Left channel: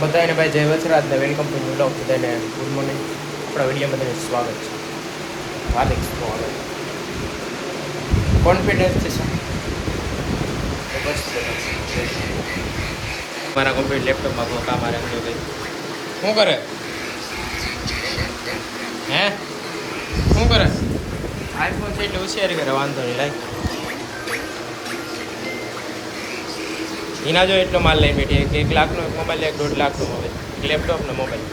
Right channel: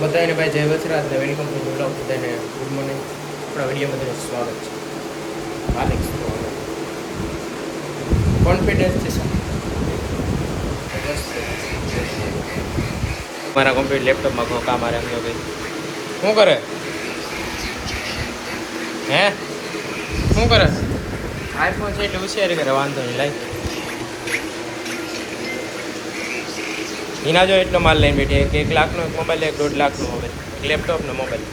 બધાને ભાઈ જય વસરાજ ને વેલકમ ટુ બ્લોગ. બધાને ગુડ મોર્નિંગ. આપણા વિડીયોમાં બધાને સ્વાગત છે. હાર્દિક સ્વાગત. કોન્ફિડન્સ છે સર. મારા કમ્પ્યુટર લેપટોપમાં કોઈ કામ મારે સમજો ભાઈ શું કરે હે શું કરે આઈફોન છે એટલે હોશિયારી કરે વાંધો નહીં લાઈ એના જો એટલો માલ લઈને બેઠી કે 1 લાખનો મોબાઈલ 1.5 લાખનો મોબાઈલ એક લેપટોપનો મોબાઈલ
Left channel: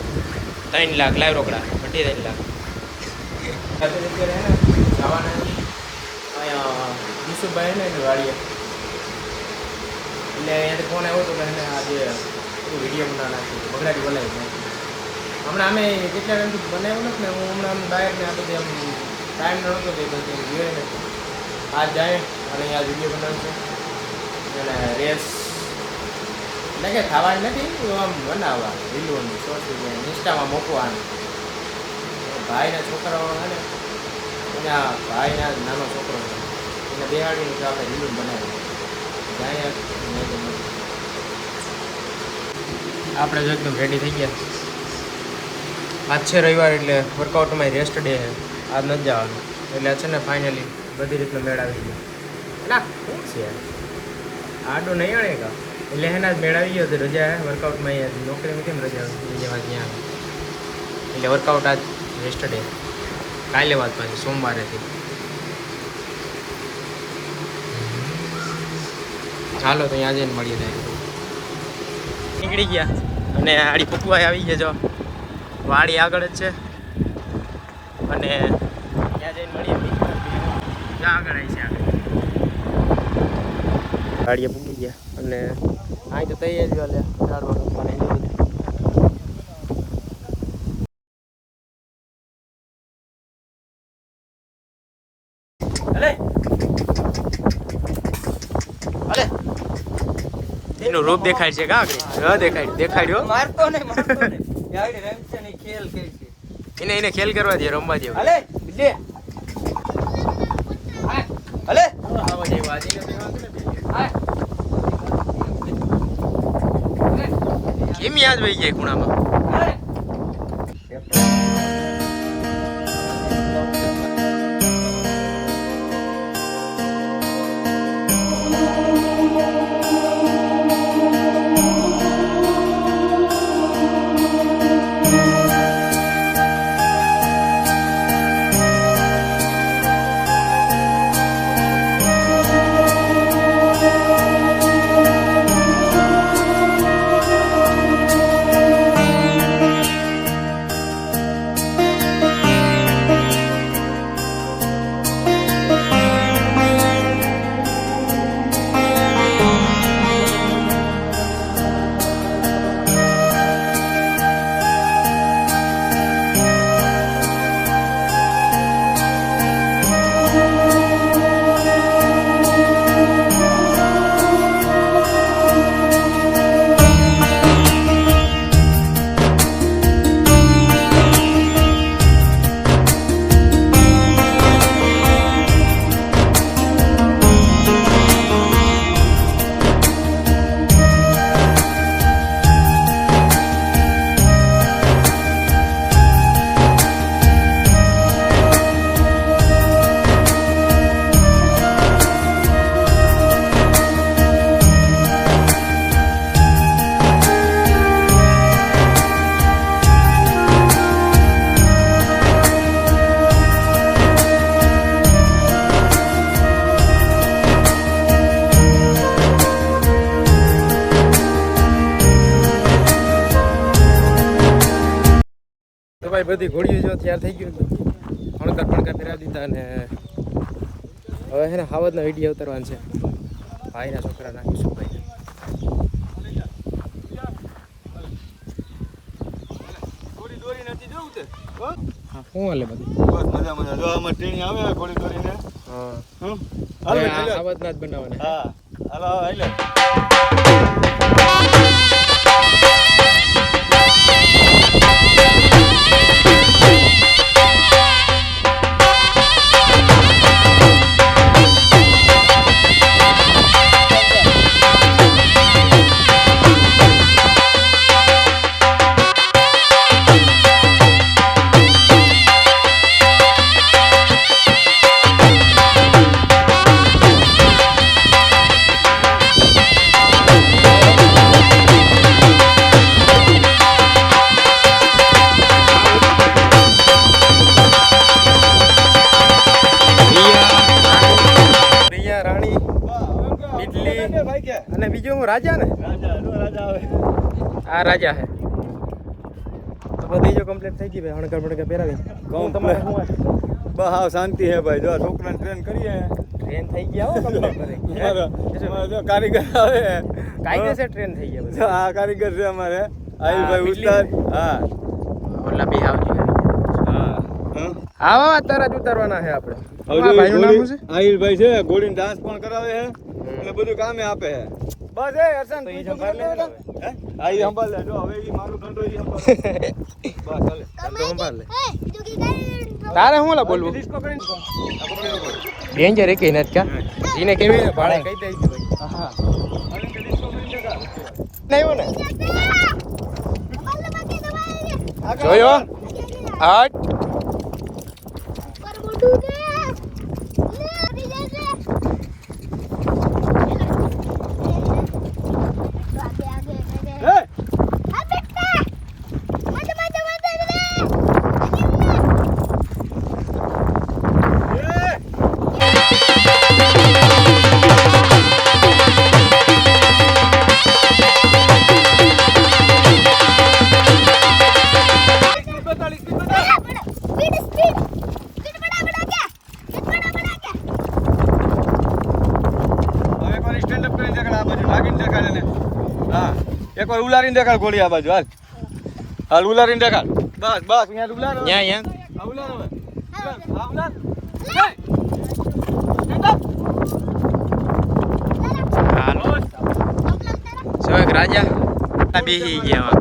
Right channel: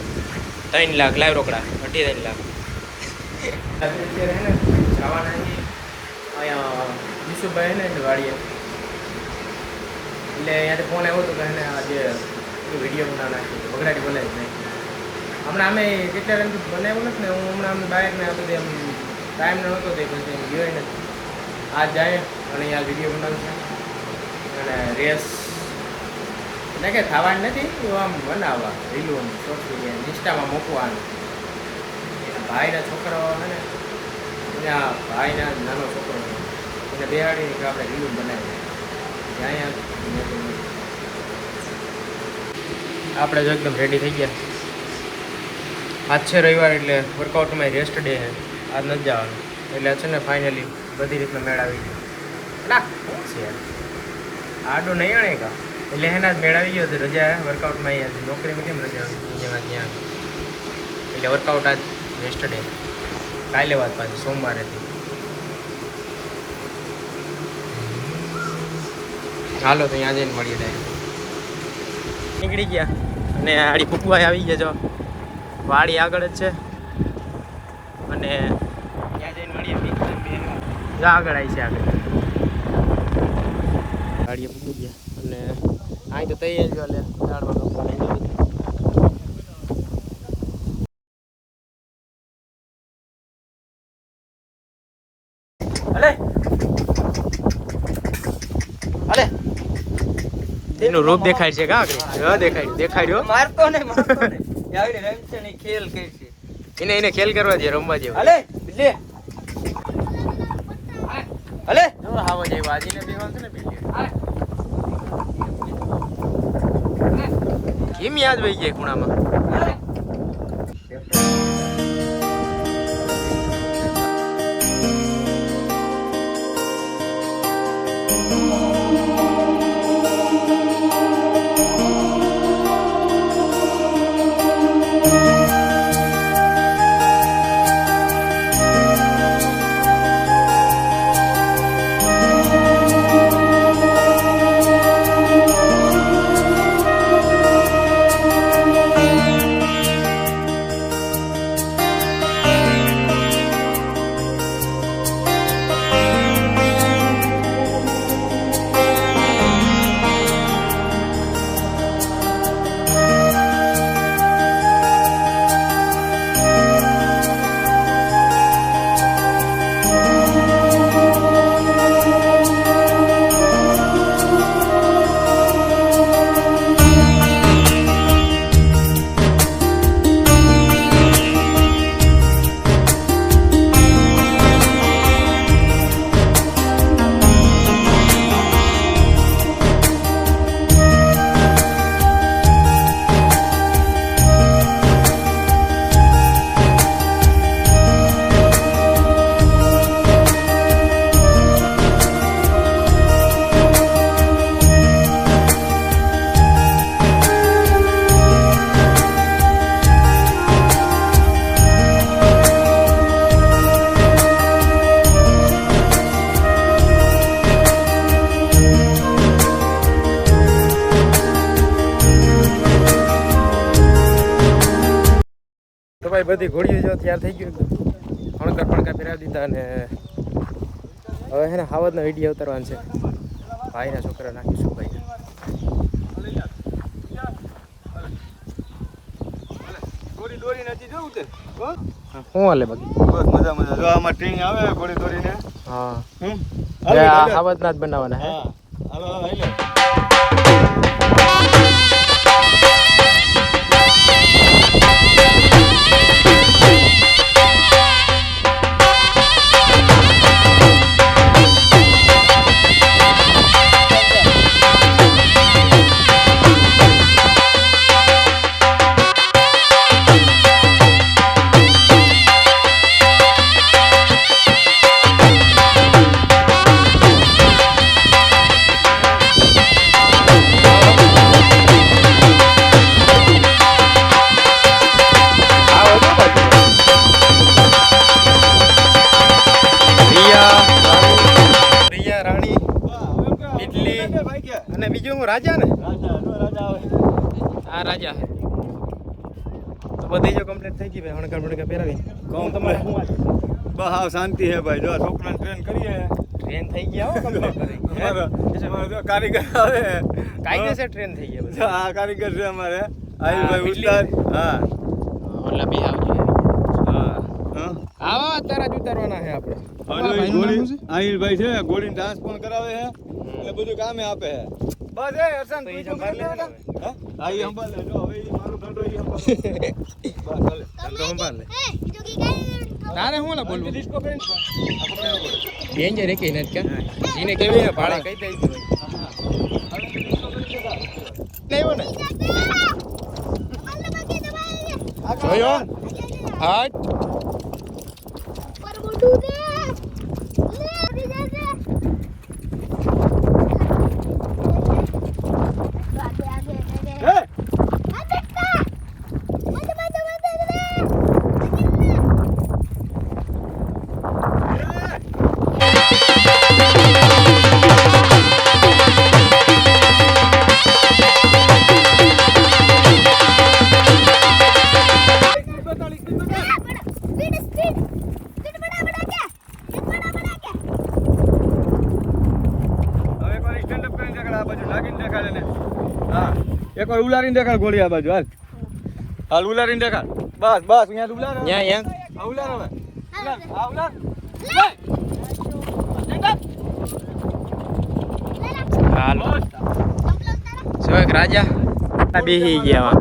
3 લાખ લાવ રોકડા 3.5 લાખ અત્યારે હે ને જવાના અહીંયા યુસુફભાઈ ને વાડીએ એટલે અહીંયાથી ફોન આવ્યો હતો કે એને આજે વિડીયો બનાવી નાખી બગડાટી બનાવી નાખી હમણાં અમે કેટલા ટાઈમથી બનાવ્યું નથી ને હું હમણાં બહાર ને આ બધી આમ ટાઈમ ન હતો તે પછી જોઈ નથી આજ જાય અને અહીંયા વિડીયો બનાવું છે અને રેસ એટલે કે થવાની નથી એવું આમ બનાવવા રીલું શોર્ટ વિડીયો ઇન્સ્ટામાં મૂકવાનું ભાઈના છોકરાઓ છે ને અહીંયા ભાઈના નાનો છોકરો એને બેહાડીને તો આપણે રીલું બનાવી જાય આપણે જો એકદમ રેડી થઈ ગયા. આજ છે રવિવાર એટલે વર્કઆઉટમાં રેસ્ટ ડે છે આજ નથી જવાનું એટલે છે ને ફાઇનલી બધી રીતનો મેળ આવી ગયો ના શું છે આડો નહીં આણે કા એટલે એના જ મેળ આવી ગયો હતો રજા વર્કઆઉટમાં અહીંયા નોકરીમાં કેમ રજા જેમાં ત્યાં એટલે વર્કઆઉટ આજ રેસ્ટ ડે કાલે વાત પાછી સોમવારેથી ચાલો તો અહીંયા જઈને મળીએ ત્યારે નીકળી ગયા અને આડી ફૂકવાઈ આવી ગયા જો વાડી આગળ જ છે અને ત્યાં જઈને મળીએ જો આગળ આવી છે આગળ ગાડીએ પૂગી ગયા અને અહીં તો તૈયારી વાલે ઝાડમાં કંપની છે બધી એનું રૂપ દેખાય છે કા આગળ દેખાડ્યો મારતો નહીં ખેલ કે છે એને ખેલ કરવા દે રમવા દે લે અલે ઓ હાવા જે વાજીને દેવા છે ને બીજે કેમ યાદ વહી જાય ખૂણામાં ભાઈ બધી ઘોડીઓ જો તૈયાર થઈ ગયું ફણકા ફેરવી દીધા અને હવે હે ને હાવદના વિડીયો ઉતારવાનું છે ભાઈના છોકરા નાખીશું ભાઈ શું હાલે બાકી બસ મજા જો આમાં ટ્રેનિંગ આવે ઘોડી દોરીને હા હાવદના જ બનાવવાના હા હાલો હાલો રાજા ને રાજા જો રાજા આવે આ રાજા હે તો બધી જો કમ્પ્લીટ થઈ ગઈ ભાઈ હણકર બણકર પહેરાવી કહું તમને શું વાત બસ હાવ શાંતિ હે ભાઈ જો આ છોકરાને ટ્રેન કરીએ ટ્રેન થઈ ગયા હો કમ્પ્લીટ કરે અમારા જો કારીગર આવે કાયદેસર ટ્રેન થઈ ગયા જો બધા આ કારીગર છે અમારે આયુષભાઈ ઉસ્તાદ હા ઓલા બે આવજો હા આવા તારા જ ઉતારવાના છે આપણે હવે ભાઈનું નામ શું છે આયુષભાઈ છે ગોળીને ડાન્સ પણ કરાવે છે અને બધું કામે આપે છે બસ એ હર્ષન તો ઈ સંભાળ લે ને હે આ ઈ સંભાળ લે જો હવે ઈ મારું ધંધો ઈ સંભાળ બસ ચાલે તો સંભાળ લે તારે હું લા બોલવું ડેન્જર એક નથી ક્યાં જીને કેવી ને ભાડે કહી દઈશું ભાઈ હા નહીં હો ને જોયો આઠ એક વાર ઉલારીને દેખાડ ગોળી આ બાજુ હાલ હાલ ઉલારીને દેખાડ બસ બસ અહીંયા ઉલાર ન્યા આ ઉલાર હવે ઉલાર આ ઉલાર હાલો સો એક રાજા આ બેહી ગયા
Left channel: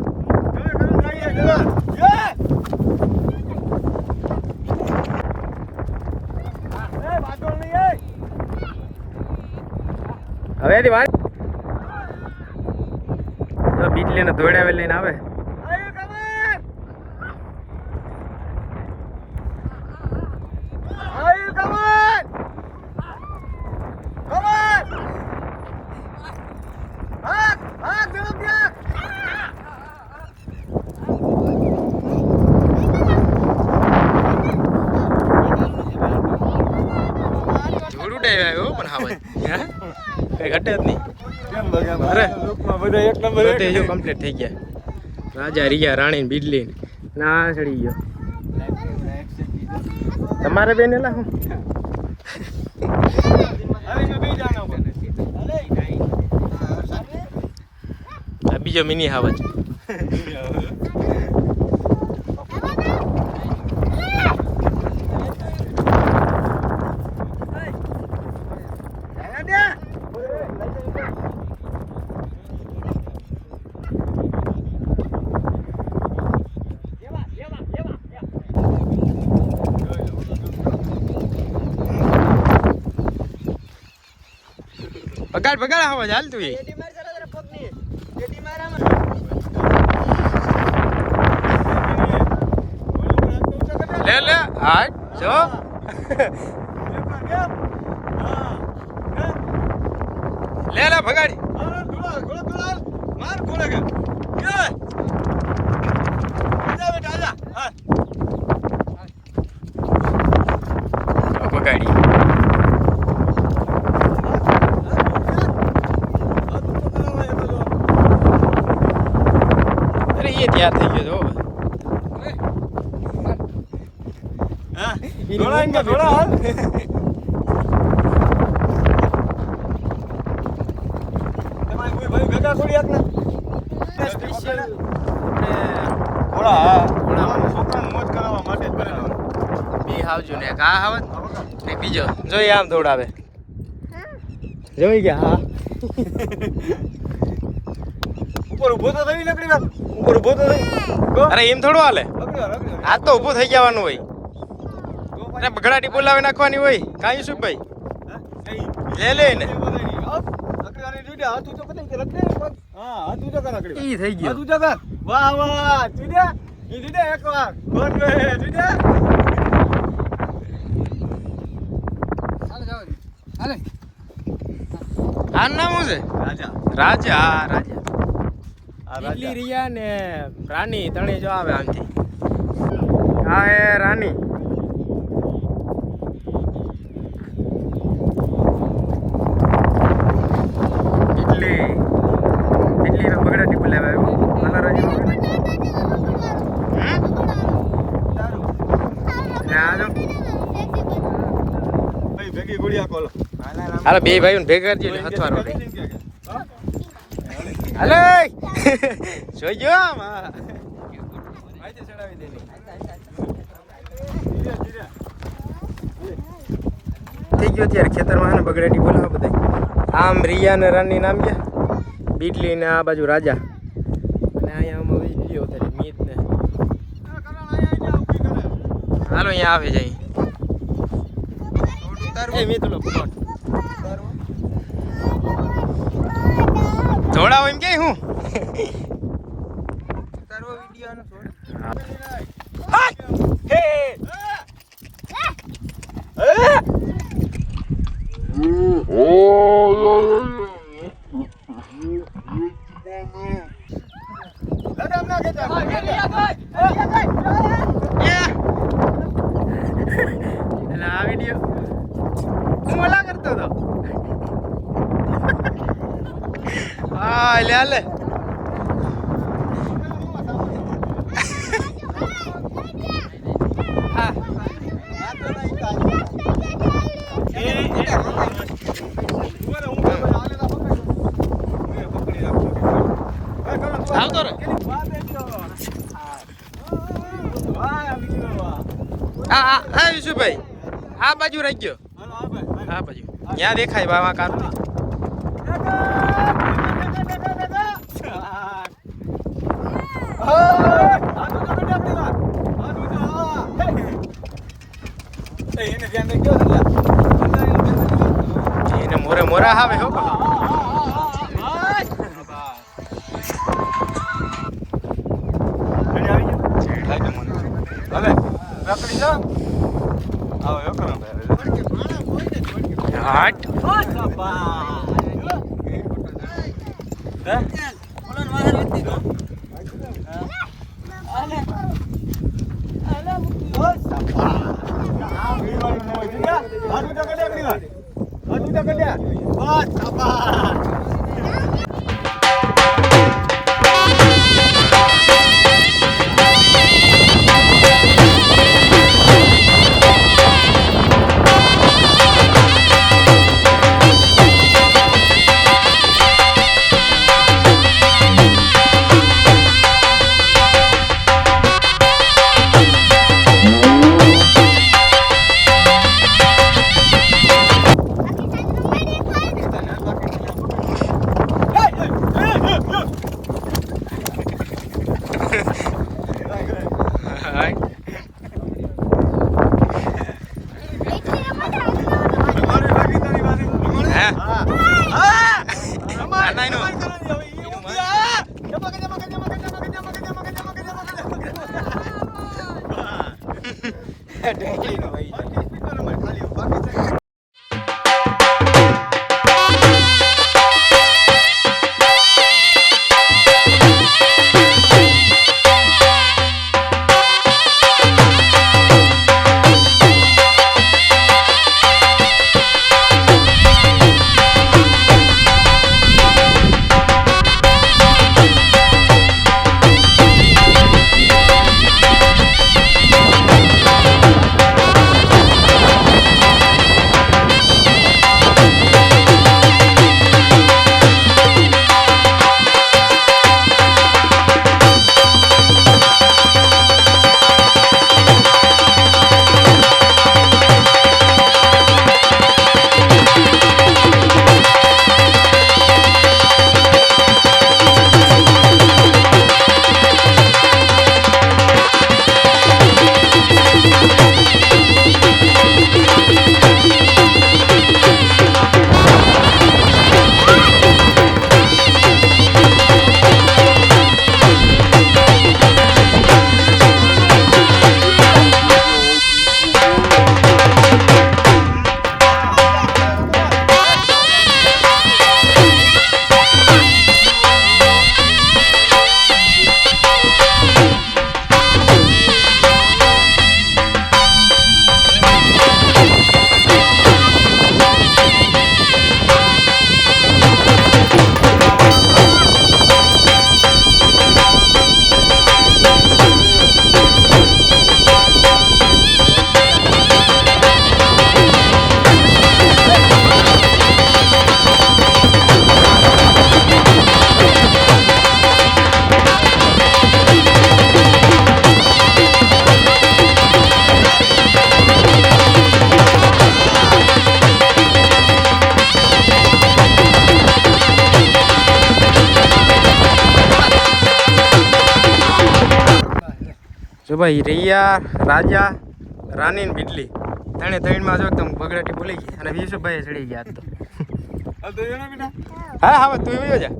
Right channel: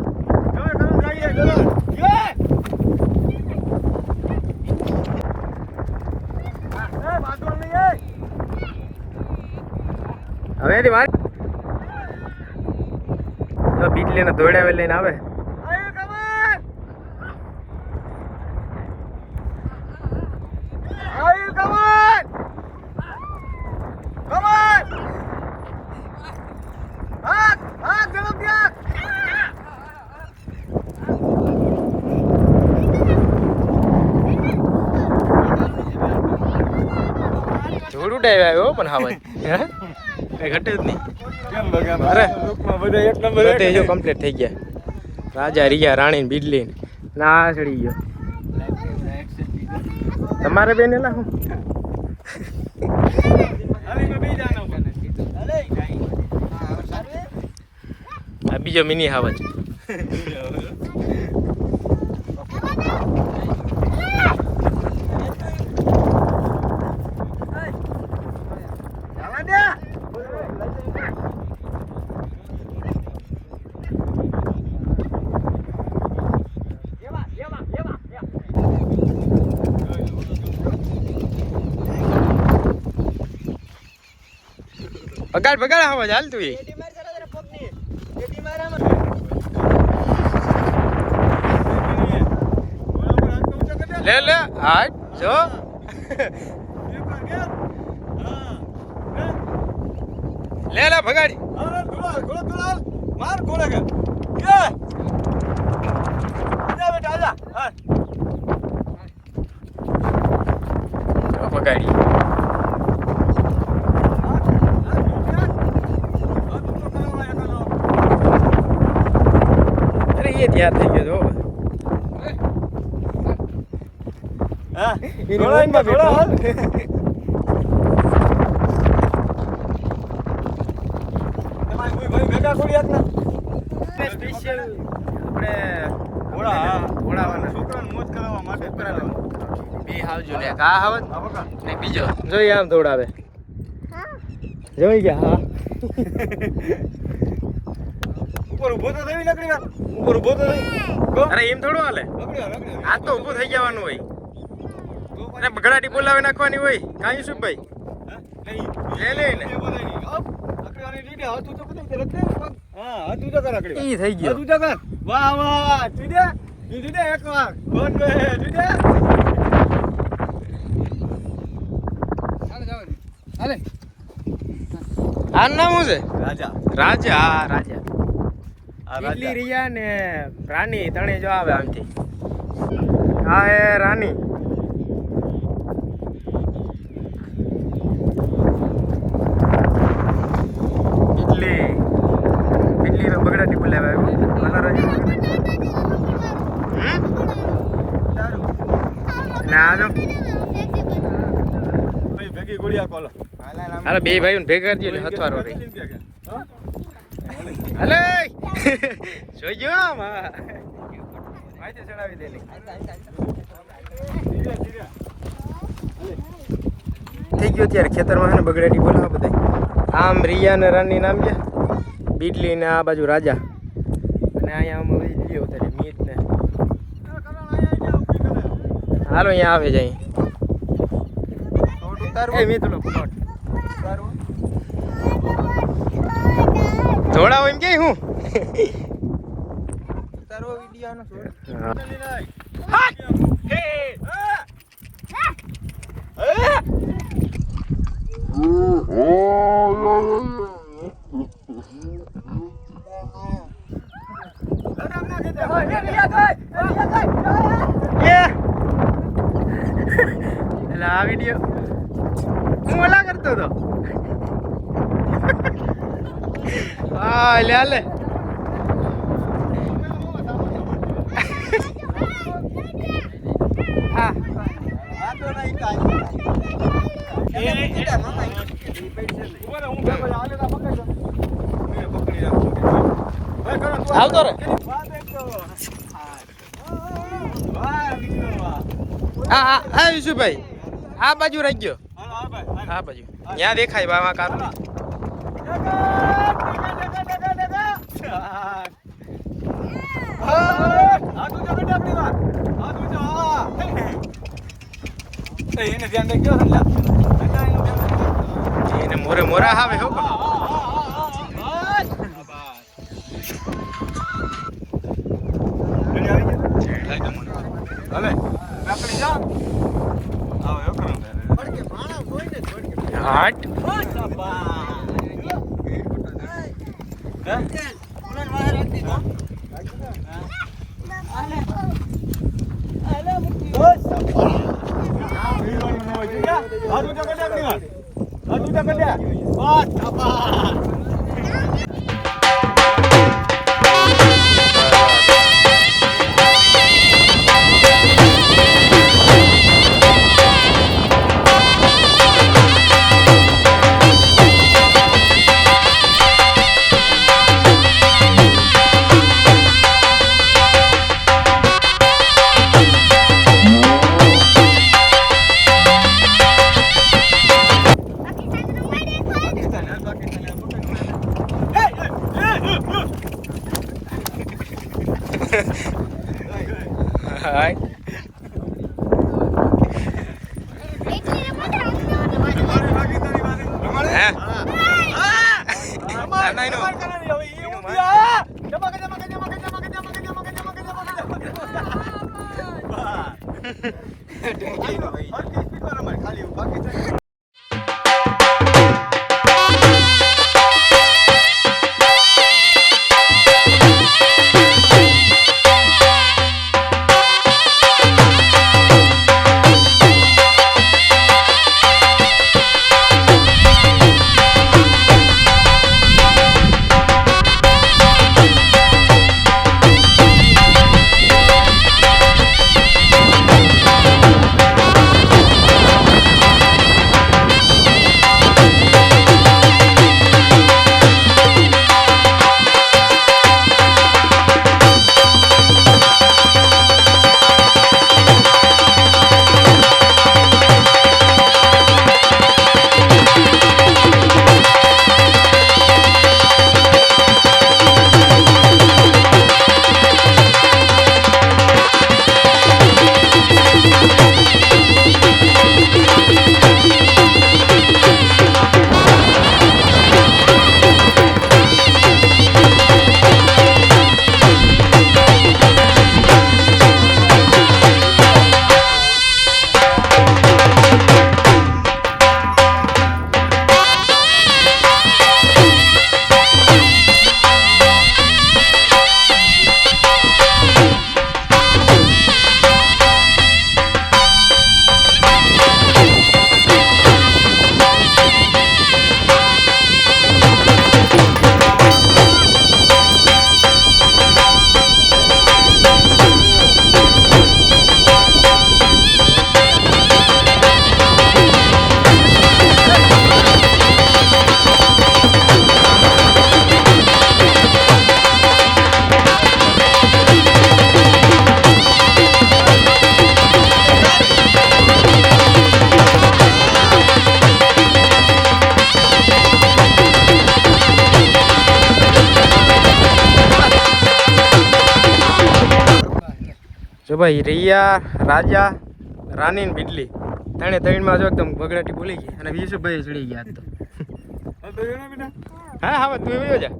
હવે એની વાત જો બીજલી ને દોડાવે લઈને આવે જોડું ડાય આવ્યો પણ હા ભાઈ કઈ ઘટે જ નહીં કેમ બગા અરે લોકમાં બધા એક નંબર બધે જો કમ્પ્લીટ થઈ ગયા રાજા રિયા રાણી બીજલી ના ચડી ગયો તમારે બેન એલા હું આ બીજો મિની હાવજ પગાડ પગાડ હાવજ હાલ તું લે લે આઠ જો લે લે ભગાડી માર કોલે કે જા બેટા આજા હા ભગાડી અરે એ ત્યાં થઈ ગયો જો હા થોડા થોડા હાલ તમારે કોઈ ભાઈ ભેગા થોડી આટલા સ્પેશિયલ આપણે થોડા ઘોડાવાના છોકરાને મોજ કરાવવા માટે બે આવજો ને કા આવત ને બીજો જોઈ આમ દોડાવે જોઈ ગયા હા ઉપર ઊભો તો થઈ લકડી વાત ઉપર ઊભો તો થઈ અરે એમ થોડું હાલે આ તો ઊભું થઈ જવાનું હોય અરે બગડાટી બોલાવી નાખવાની હોય કાંઈ શું ભાઈ લે ને ઈ થઈ ગયો વાહ વાહ ચીડે ચીડે એક વાર આનું નામ શું છે રાજા રાજા હા રાજા કેટલી રિયા ને રાની તણે જો આવે આમથી આ એ રાની કેટલી હાલો ભાઈ ભેગી ગુડિયા કોલો હાલો બે ભાઈઓને ભેગા કરજો એટલે હથવારો રહે હાલો જોઈ ગયો આમાં માહિતી ચડાવી દે નહીં થઈ ગયો ત્યારે ખેતરમાં ને બગડાટી બોલાવો બધા આમ રિયા ને રાની નામ ગયા બીટલી ને આ બાજુ રાજા અને અહીંયા આમ લ્યો ત્યારે મીત ને હાલો અહીંયા આવે જાય એ મીત લો પ્લોટ ધોળાવો એમ કે હું આ વિડીયો હું ઓલા કરતો હતો હા લે લે આવતો રહો હા વિશુભાઈ આ બાજુ રહી ગયો આ બાજુ ત્યાં દેખાય બાવા કાપલી એને મોરે મોરા આવે હો હાટ હાય જો ભાઈ રૈયા રાજા રાની ને બિડલી ત્રણમાં જો એકદમ બગડાટી બોલી ગઈ અને વિશુભાઈ ચડી ગયા આજ તો. હા હા તું વયો જા.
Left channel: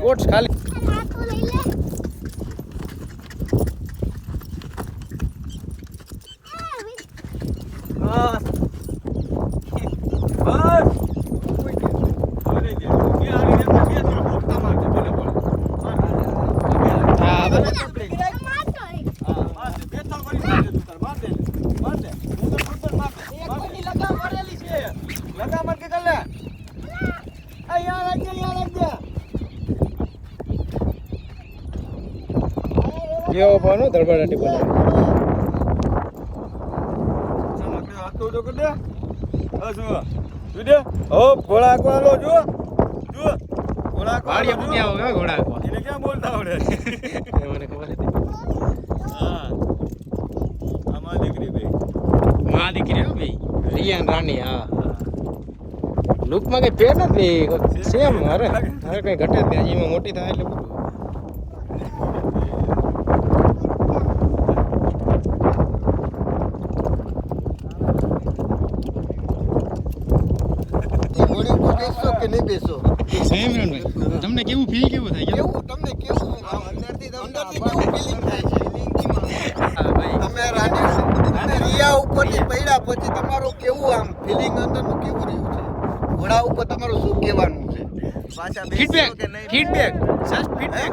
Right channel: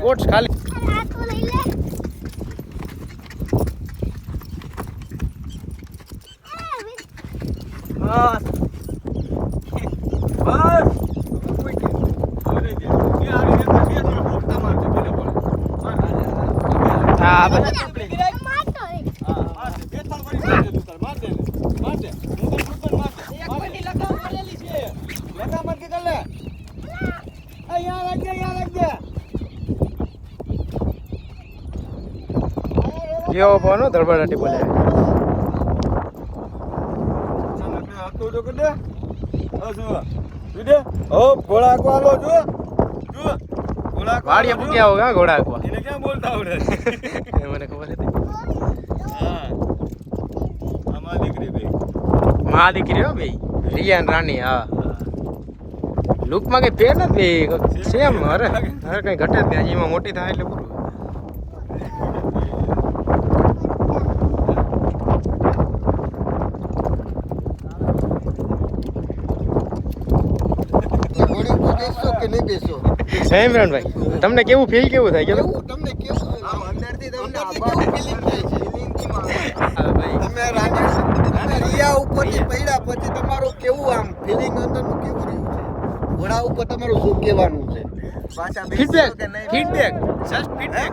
શોર્ટ્સ ખાલી યો બોનો ધડબડાટી બોલે તો જો કે દે જો દે ઓ ઘોડા કો આલો જો ઘોડા વાડીએ પૂગ્યા હોગા ઘોડા કો એને કેમ બોલતા આવડે મને ખબર હતી. હા આમાં દીકરી બે માં દીકરી હો ભાઈ રિયા ને રાની. હા લુક માં કઈ પેર નથી સેમ. અરે અરે કઈ ઘટે જ નહીં. હજી એમાં મોટી થાય એટલે પૂરું. ઇમરાનભાઈ તમને કેવું ફીલ કેવું થાય કેવું તમને કેવું અંદરથી તમને કેવું ફીલિંગ થાય છે? તમે રિયા ઉપરથી પડ્યા પછી તમારું કેવું આમ ફીલિંગ અંદરનું કેવું રહ્યું છે? ઘોડા ઉપર તમારું શું કહેવાનું છે? પાછા ફીડબેક ફીડબેક જસ્ટ ફીડબેક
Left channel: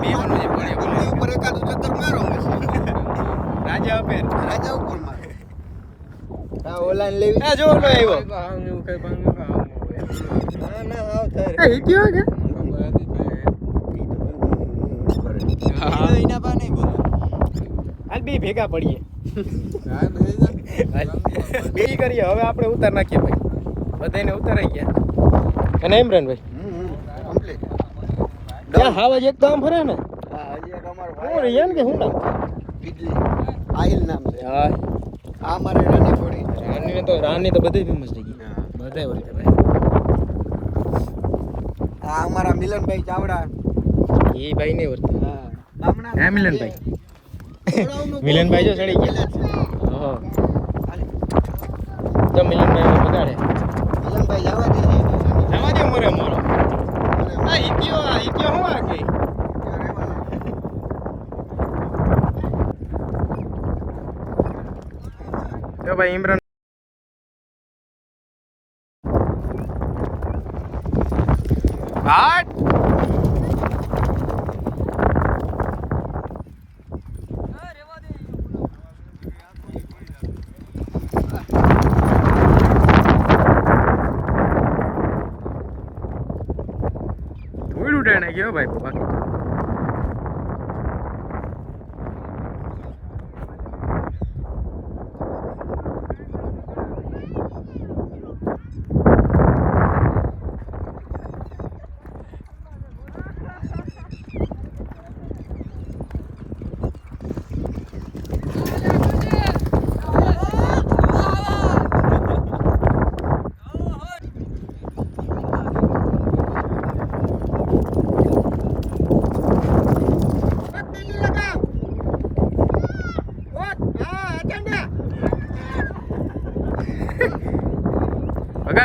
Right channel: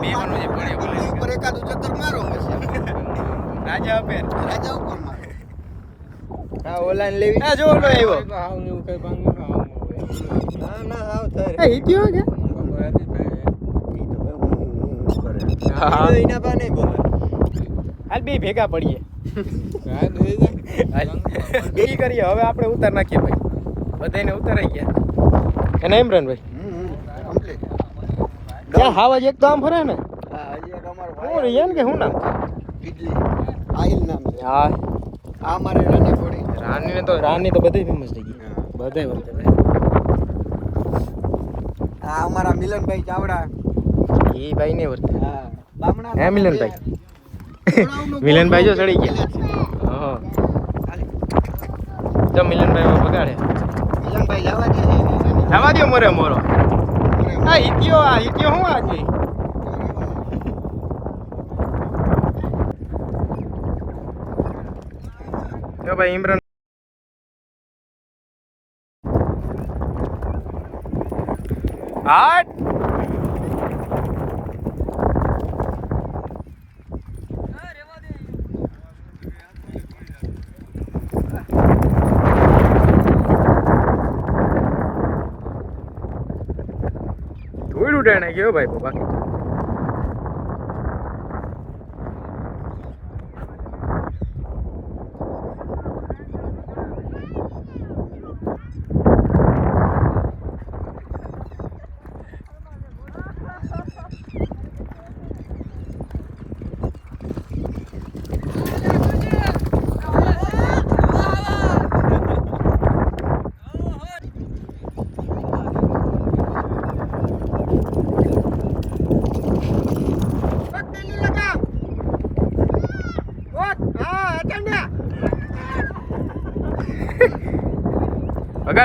બે વાનું જે પડ્યો બોલે ઉપર એકાદું ચક્કર મારો પછી રાજા ઉપર મારો. હા ઓલાન લેવી. આ જો નો આવ્યો ના ના આવ થાય એ હિટ્યો કે એના બા નહીં બોલે. હાલ બે ભેગા પડીએ બે કરીએ. હવે આપણે ઉતાર નાખીએ ભાઈ. બધાને ઉતારાઈ ગયા એને ઇમરાનભાઈ કમ્પ્લીટ. ત્યાં હાવા એક તો આમ ફરે ને હા હજી એક અમારો હું રિયાન કે શું નામ બીજી આહિલ નામ છે. હા આ મારે રાની ઘોડી. રાની તો બધી ફેમસ થઈ ગઈ. બધાય વર્તે આ અમારા મિલનભાઈ ચાવડા. એ ભાઈ ને વર્તે. હા બામણા હે મિલનભાઈ મિલનભાઈ જો ચડી ગયા. હા તો મિલનભાઈ બગાડે. મિલનભાઈ જવા દે જવા દો મરે મોરો. આ હિત્યો હું આખી તો ભાઈ ઇમરાન હાટ ધૂળ ઉડાણે ગયો ભાઈ બાબા.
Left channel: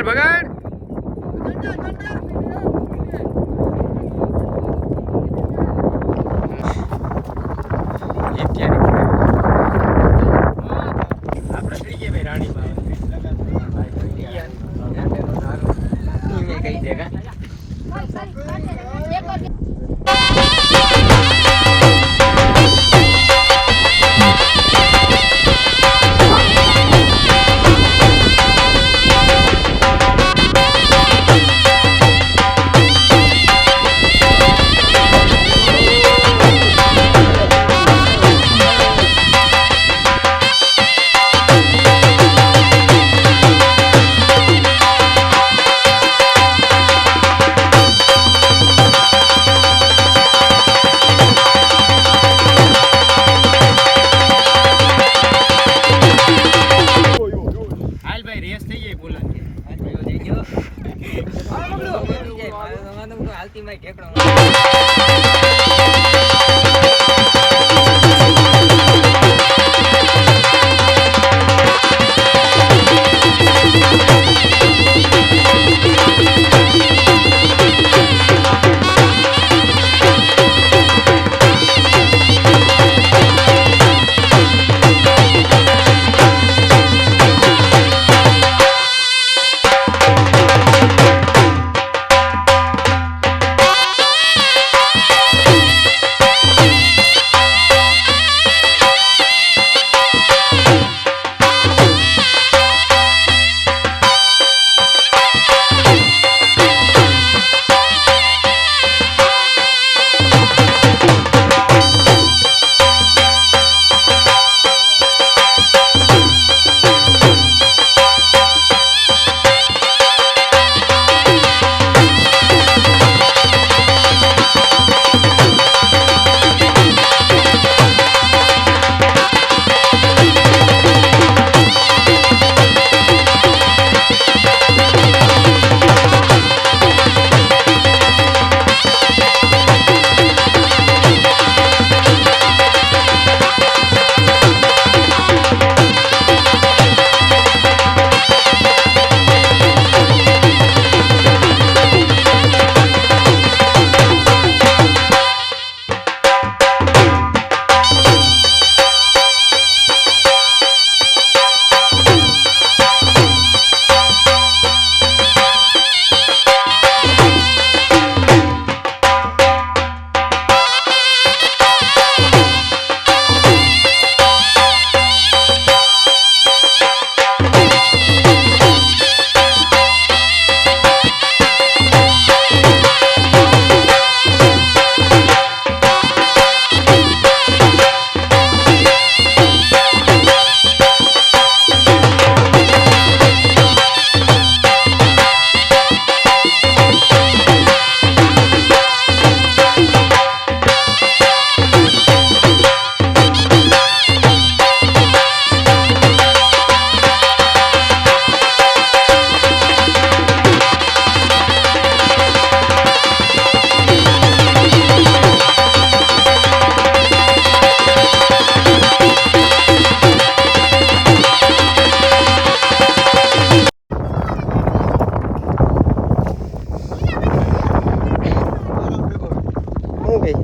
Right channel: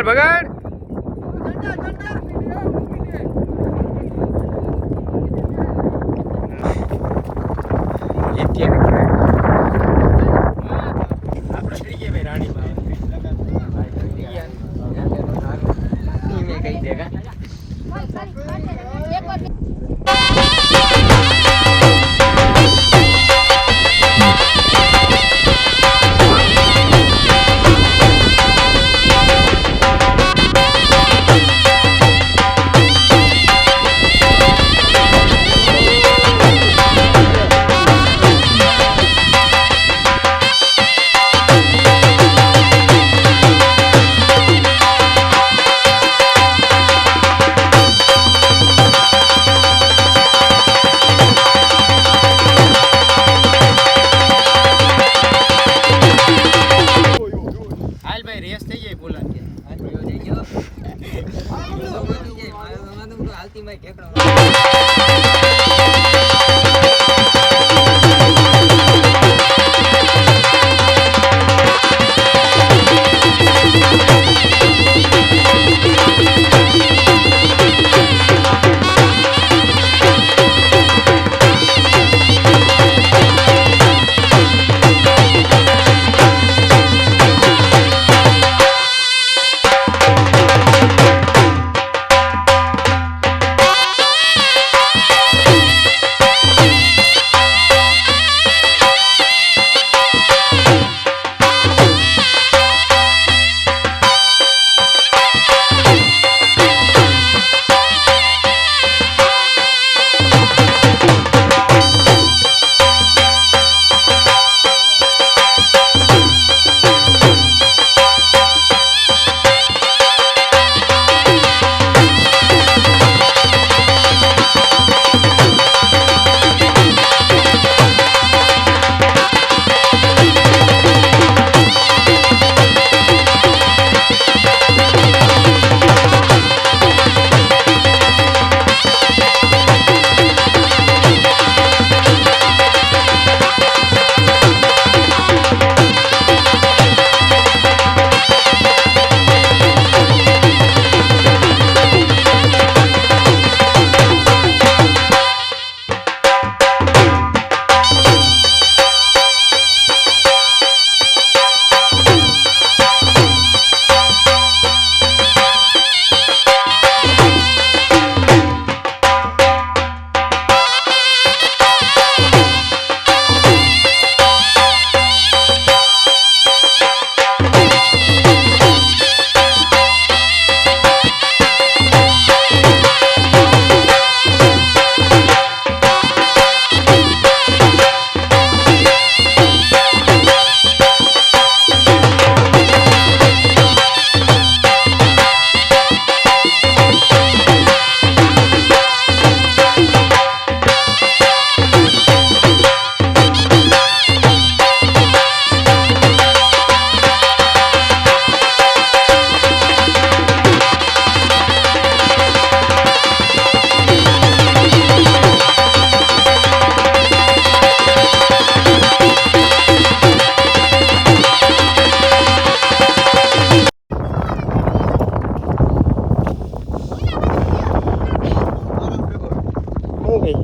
બગાડ બગાડ આપણે થઈ ગયા ભાઈ રાણીમાં કહી દેગા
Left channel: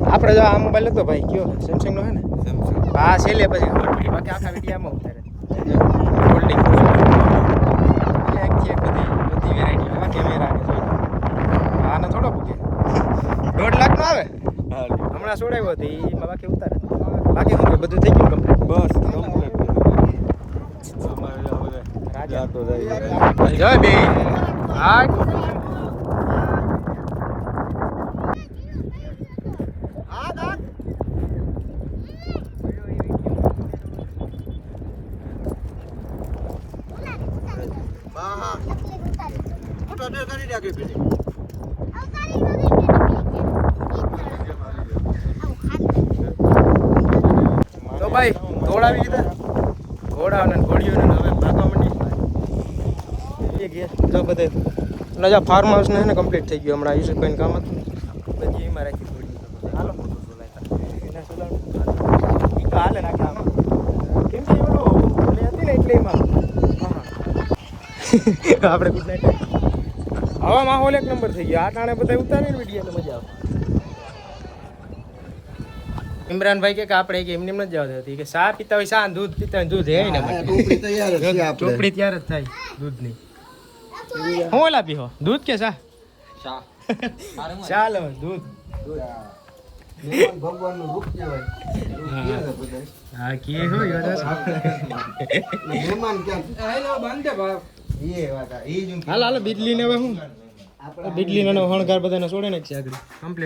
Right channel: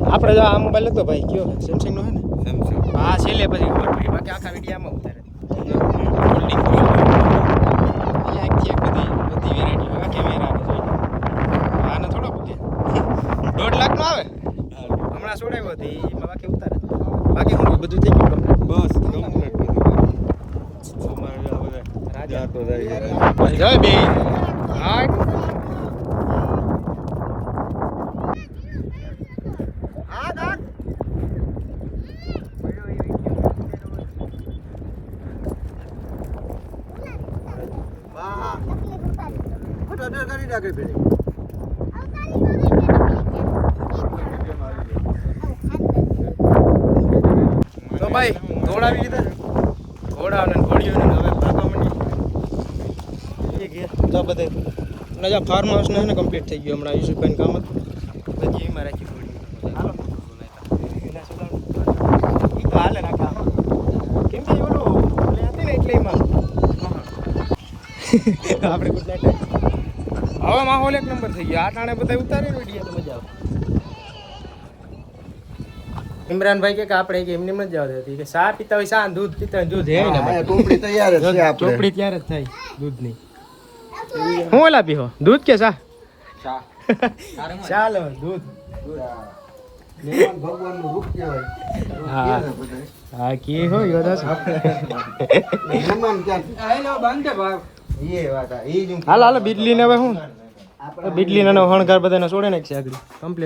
આપણે જો આ મોબાઈલ હતો ભાઈ કયો સેમસંગ નો હે ને સેમસંગ હા છેલ્લે પછી બાકી આખા વિડીયામાં ઉતારે હોલ્ડિંગ આખી એક બધી વેરાયટી આ કેમેરા કે જોઈ આને થોડો પૂગે 1.5 લાખ નો આવે હમણાં છોડાવ્યો હતી એમાં બાકી ઉતારે બાકી શું બધું થઈ ગયું બસ કમ્પ્લીટ અમારે આ બધા રાજા તો જાય જય બે હા તો ભાઈ દોડાવી લીધા ઘોડા અને ઘોડીઓ ને હવે ભાગવા માંડી જો બધે ના જા ફાર્મ હાઉસ ને કમ્પ્લીટ થઈ ગયું હમણાં યુસુફભાઈ કામ હતું ને બધી એમાં રાખી ઘોડી હાલો એ તો હાલે રાખે આમાં કેમ કે ઓલું હતી ને એટલે એમાં આપણે ગુડ નાઇટ. હવે માહોલ એક નંબર થઈ ગયો. આ ટાણે બધા ઉતારીને વિડીયો તો મજા આવે. ઇમરાનભાઈ કે આપણે કે એમને જ જવા દેતી કે ચા પીતા હોય ચા, દૂધ પીતા હોય દૂધ હે ને હા, ટોપડી તૈયાર જ છે આપણે. ચોપડી ત્યારે જ થાય દૂધની. હું ઓલા પીહો દૂધ કે ચા? ચાલો દૂધ. મહેમાન ભગવાનનું રૂપ કહેવાય. હા. કે ને બધાય. હા કે હોય બધા મહેમાન ક્યાંથી? એ વાત આ, એ જ હું હાલ હાલ બીજલી ને હવે હું બીજલી નો હણગાર બધાને છોડે ને આગળ કમ્પ્લીટ.